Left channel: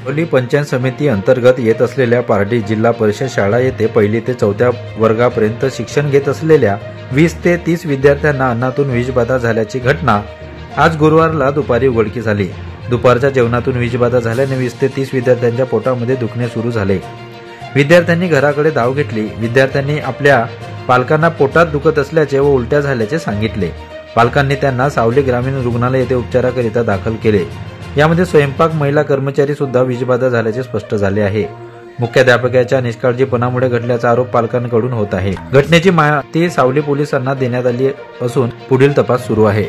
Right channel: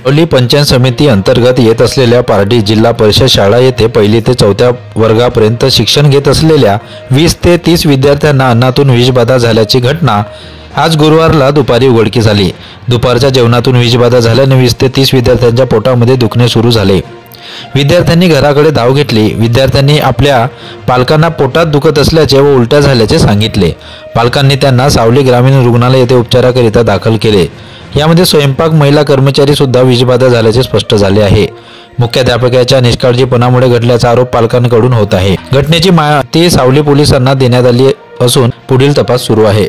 सावली पंचायत समिती अंतर्गत येत असलेल्या पारडी जिल्हा परिषद शाळा येथे 1ली ते 4थ्या वर्गापर्यंत शिक्षण घेत असलेल्या 20 ते 30 विद्यार्थ्यांना अन्नातून विषबाधा झाल्याची घटना आज गुरुवारला दुपारी उघडकीस आली। दुपारच्या जेवणातून विषबाधा झाल्याने 20 ते 30 विद्यार्थ्यांच्या पोटामध्ये दुखणे सुरू झाले। विद्यार्थ्यांनी घराकडे धाव घेतली। विद्यार्थ्यांनी आपल्या पालकांना पोटात दुखत असल्याचे व उलट्या झाल्याचे सांगितले। पालकांनी त्यांना सावली ग्रामीण रुग्णालय येथे उपचाराकरिता दाखल केले। यामध्ये स्वयंपाक महिला कर्मचारी सुद्धा विषबाधा झाल्याचे स्पष्ट झाले आहे। मुख्याध्यापकाच्या निष्काळजीपणामुळे घडल्याचा आरोप पालकांकडून होत आहे। घटनेची माहिती सावली पोलिसांना देण्यात आली असून पुढील तपास सुरू आहे।